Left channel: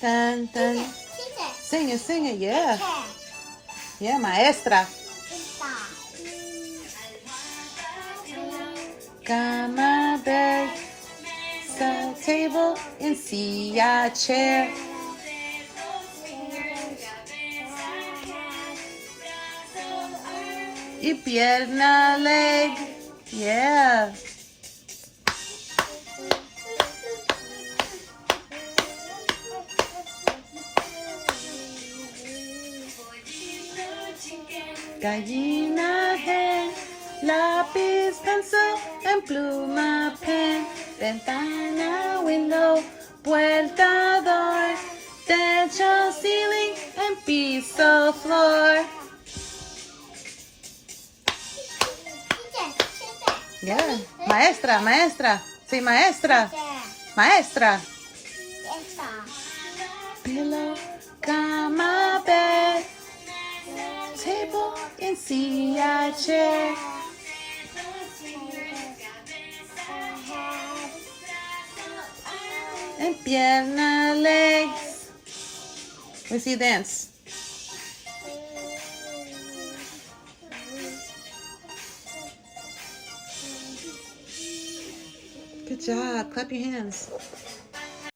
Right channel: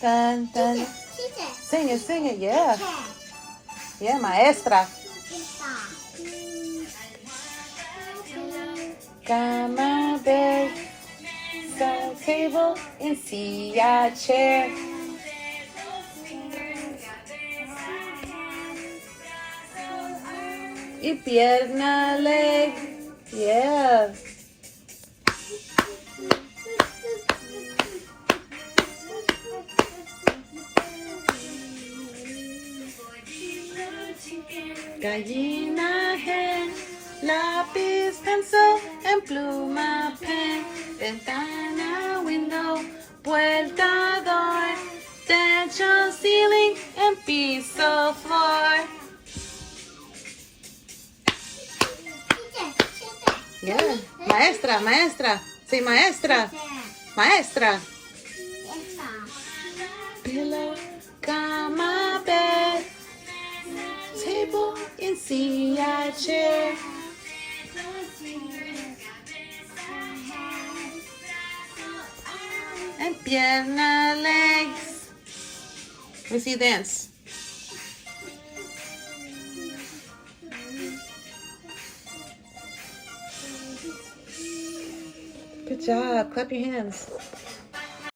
Dun, dun. Sing it. Sing it, yeah. Chair. Yeah, maestra. Star. Cama, bed, sun, table, and silla, chair. Y pierna, leg. Yeah. Gallina, hen, lápiz, pencil, en pluma, pen, ventana, window, puerta, door, techo, ceiling, en piso, floor. Yeah. Maestra, maestra. Sí, maestra. Maestra. Pillow, cama, bed, table, and silla, chair. And pierna, legs. Let's see dance. Good job. Clap your hands.